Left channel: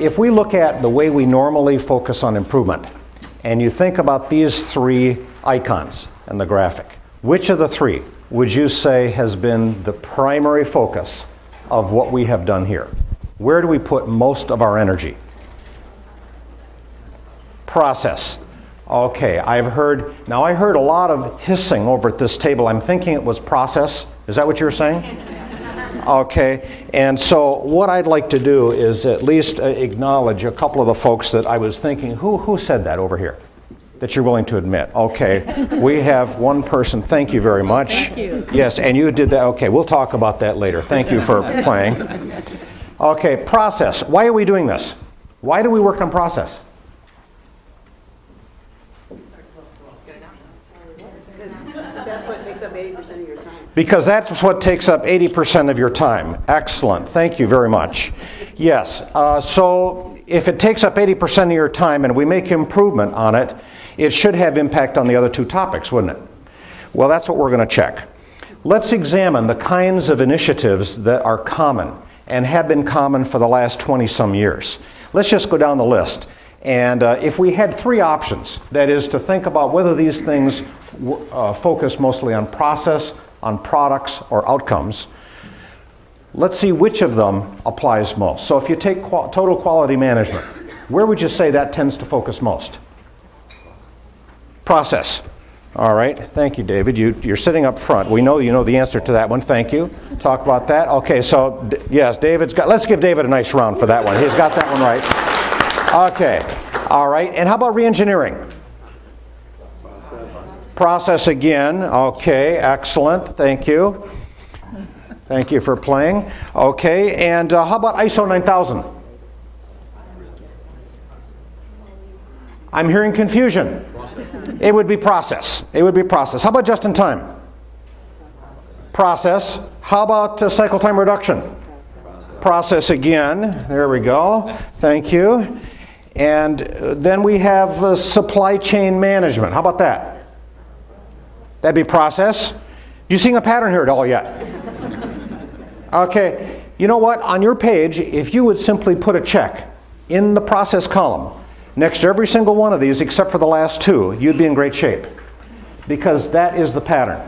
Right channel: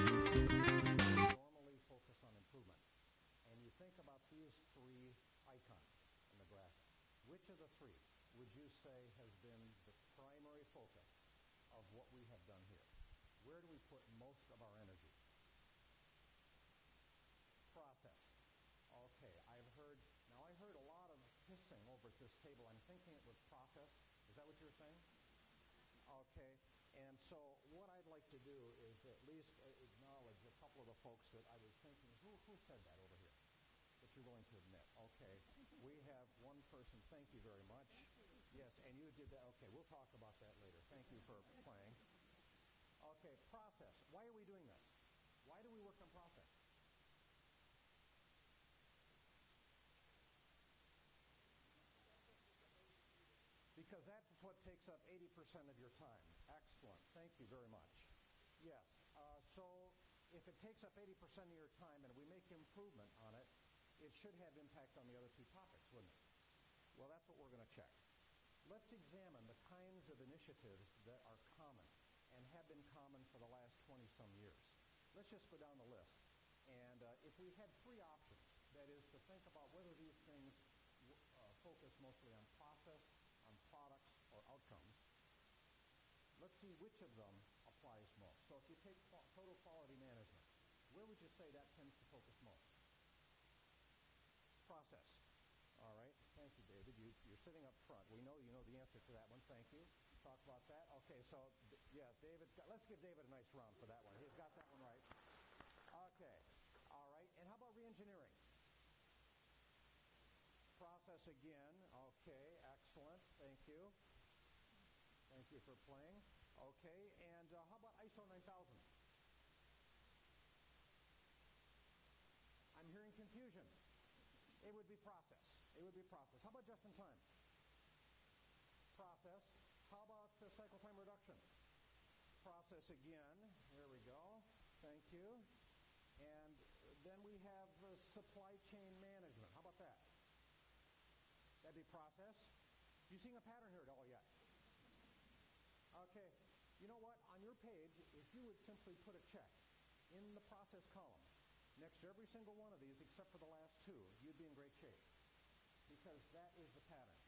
if we look at the way we normally focus on improvement, and you think about these three icons in the graphic, which of the three would you say has been the primary focus of what we have done here? Where do we put most of our energy? Process. Okay, I heard a lot of hissing over at this table. I'm thinking it was process. Is that what you're saying? Okay, and so what I'd like to do is at least acknowledge a couple of the folks that I was thinking, who said that over here? That you're willing to admit. Okay, we have one person. Thank you very much. Thank you. Yes, and you did that. Okay, we'll talk about that later. Thank you for playing. Okay, process. Why are we doing this? Why do we work on process? That's what takes up 80% of your time. Because that's what takes up 80% of your time. Excellent. Thank you very much. Yes, so if it takes up 80% of your time and we make improvement on it, it should have impact on the other two topics, wouldn't it? Well, that's what we're going to check. Let's examine the kinds of initiatives that are common and have been common for the last 20-some years. Let's just go down the list. And if we had three options, that is to think about whether these things focus mostly on process, on products, or outcomes, let's see which of them applies most. So if you take total quality management, where would you say that tends to focus most? Process. All right. Thank you, David. You're sitting up front. We know you know the answer to that one. Thank you. Talk about that. Okay, so yes, let's give David a nice round for that one. He's got that one right. Okay. All right. And how about re-engineering? Process again. Okay, excellent. Thank you. Thank you for playing. Okay, and how about ISO 9000? I'm hearing confusion. It would be process. It would be process. How about just in time? Process. How about cycle time reduction? Process again. There we go. Thank you. And then we have supply chain management. How about that? That'd be process. You seeing a pattern here at all yet? Okay, you know what? On your page, if you would simply put a check in the process column next to every single one of these except for the last two, you'd be in great shape, because that is the pattern.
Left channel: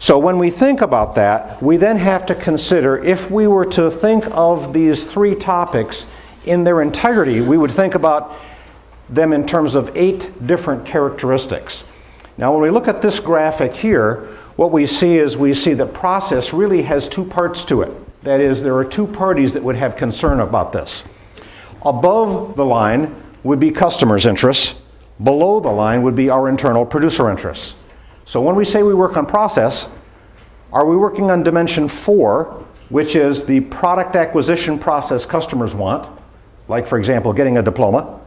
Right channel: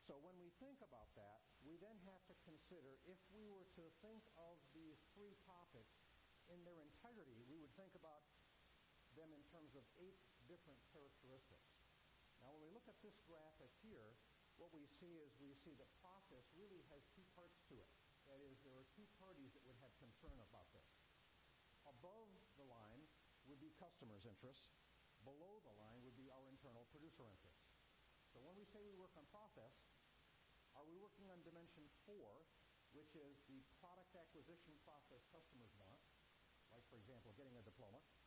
So when we think about that, we then have to consider, if we were to think of these three topics in their entirety, we would think about them in terms of 8 different characteristics. Now when we look at this graphic here, what we see is that process really has 2 parts to it. That is, there are 2 parties that would have concern about this. Above the line would be customers' interests. Below the line would be our internal producer interests. So when we say we work on process, are we working on dimension 4, which is the product acquisition process customers want, like for example getting a diploma,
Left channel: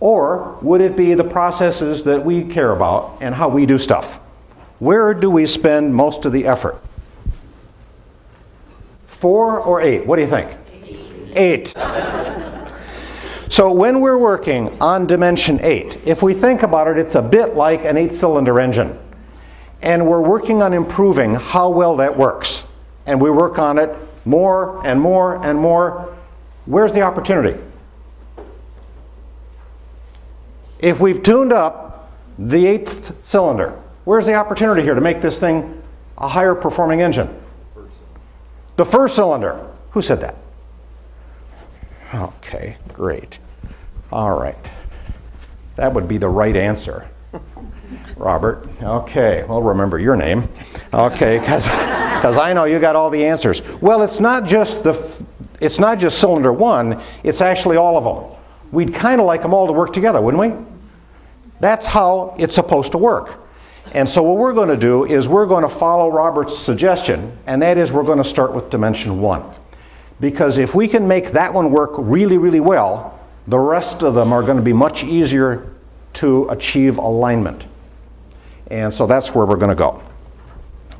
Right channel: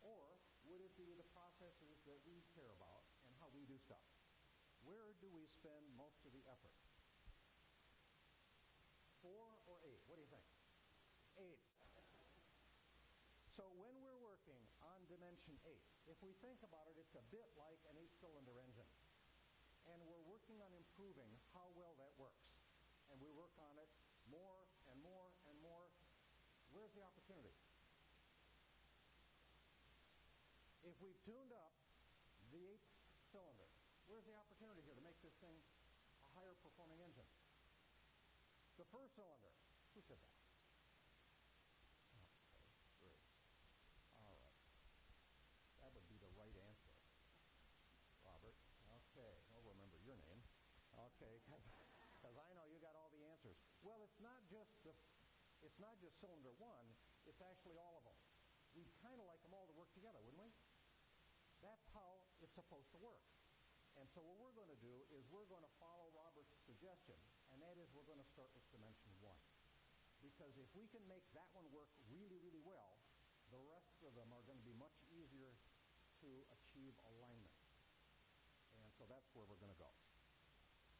or would it be the processes that we care about and how we do stuff? Where do we spend most of the effort? 4 or 8? What do you think? 8. So when we're working on dimension 8, if we think about it, it's a bit like an 8-cylinder engine. And we're working on improving how well that works. And we work on it more and more and more. Where's the opportunity? If we've tuned up the 8th cylinder, where's the opportunity here to make this thing a higher performing engine? The 1st cylinder. Who said that? Okay, great. All right. That would be the right answer. Robert. Okay, well, remember your name. Okay, because I know you got all the answers. Well, it's not just cylinder 1, it's actually all of them. We'd kind of like them all to work together, wouldn't we? That's how it's supposed to work. And so what we're going to do is we're going to follow Robert's suggestion, and that is we're going to start with dimension 1. Because if we can make that one work really, really well, the rest of them are going to be much easier to achieve alignment. And so that's where we're going to go.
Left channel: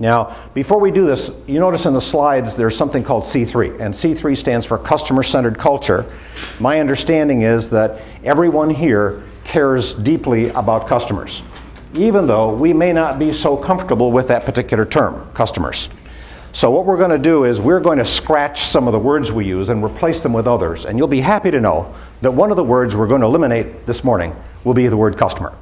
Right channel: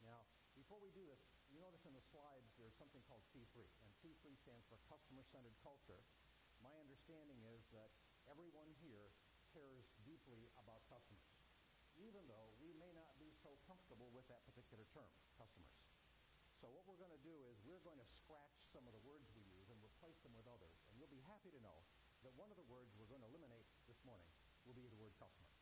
Now, before we do this, you notice in the slides there's something called C3, and C3 stands for customer-centered culture. My understanding is that everyone here cares deeply about customers, even though we may not be so comfortable with that particular term, customers. So what we're going to do is we're going to scratch some of the words we use and replace them with others. And you'll be happy to know that one of the words we're going to eliminate this morning will be the word customer.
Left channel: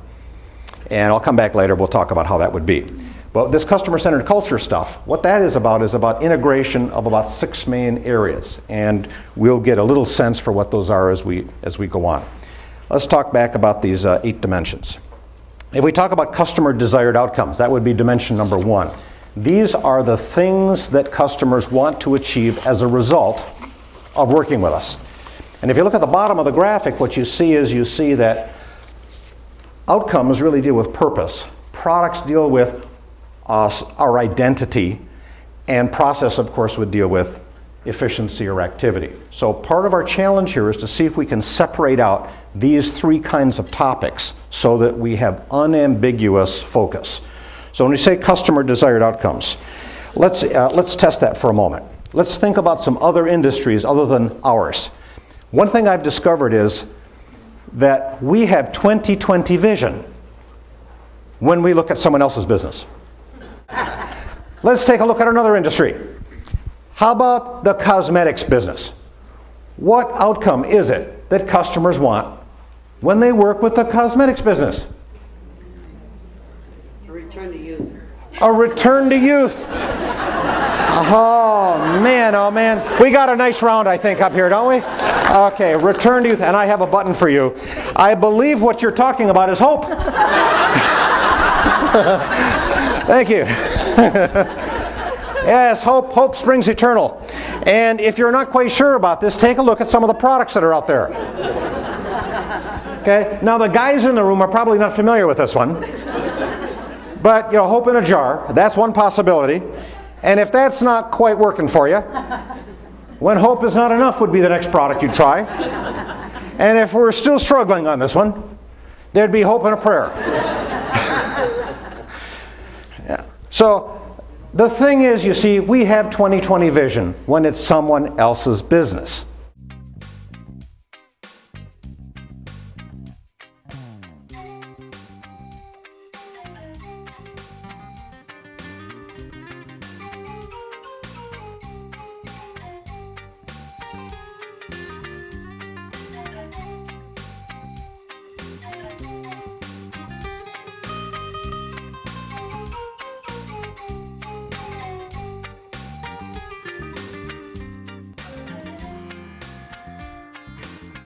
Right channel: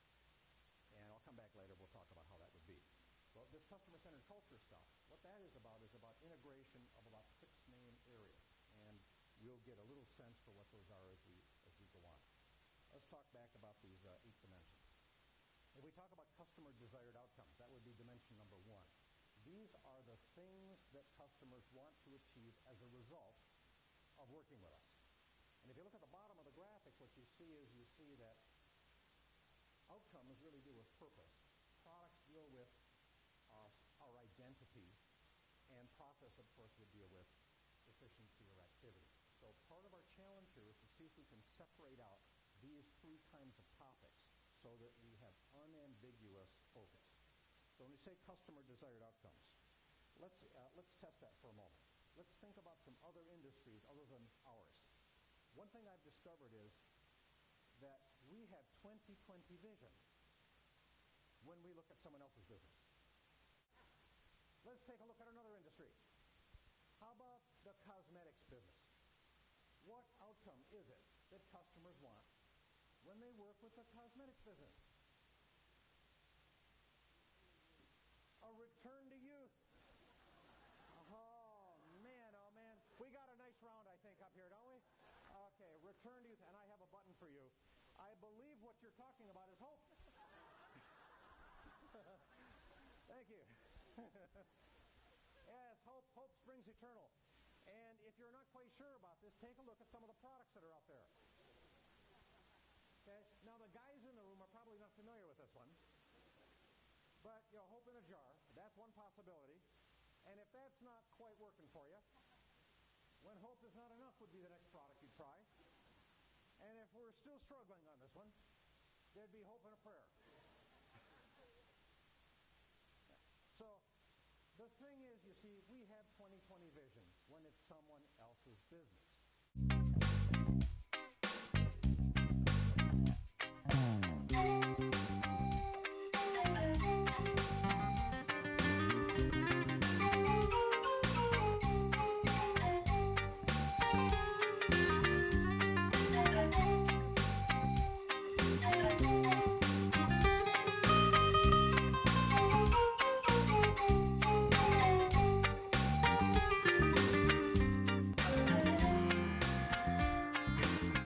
And I'll come back later, we'll talk about how that would be. But this customer-centered culture stuff, what that is about integration of about 6 main areas. And we'll get a little sense for what those are as we go on. Let's talk back about these 8 dimensions. If we talk about customer desired outcomes, that would be dimension number 1. These are the things that customers want to achieve as a result of working with us. And if you look at the bottom of the graphic, what you see that outcomes really deal with purpose. Products deal with our identity, and process, of course, would deal with efficiency or activity. So part of our challenge here is to see if we can separate out these 3 kinds of topics so that we have unambiguous focus. So when we say customer desired outcomes, let's test that for a moment. Let's think about some other industries other than ours. One thing I've discovered is that we have 20/20 vision when we look at someone else's business. Let's take a look at another industry. How about the cosmetics business? What outcome is it that customers want when they work with the cosmetics business? A return to youth. A return to youth. Oh man. We got a nice round, I think, up here, don't we? Okay, return to youth. And I have a button for you. I believe what you're talking about is hope. Thank you. Yes, hope springs eternal. And if you're not quite sure about this, take a look at some of the products that are out there. Okay, now the guys in the room are probably not familiar with this one. But, hope in a jar, that's one possibility. And if that's not quite working for you, when hope is not enough would be the next product you'd try. And if we're still struggling on this one, there'd be hope and a prayer. Yeah. So the thing is, you see, we have 20/20 vision when it's someone else's business.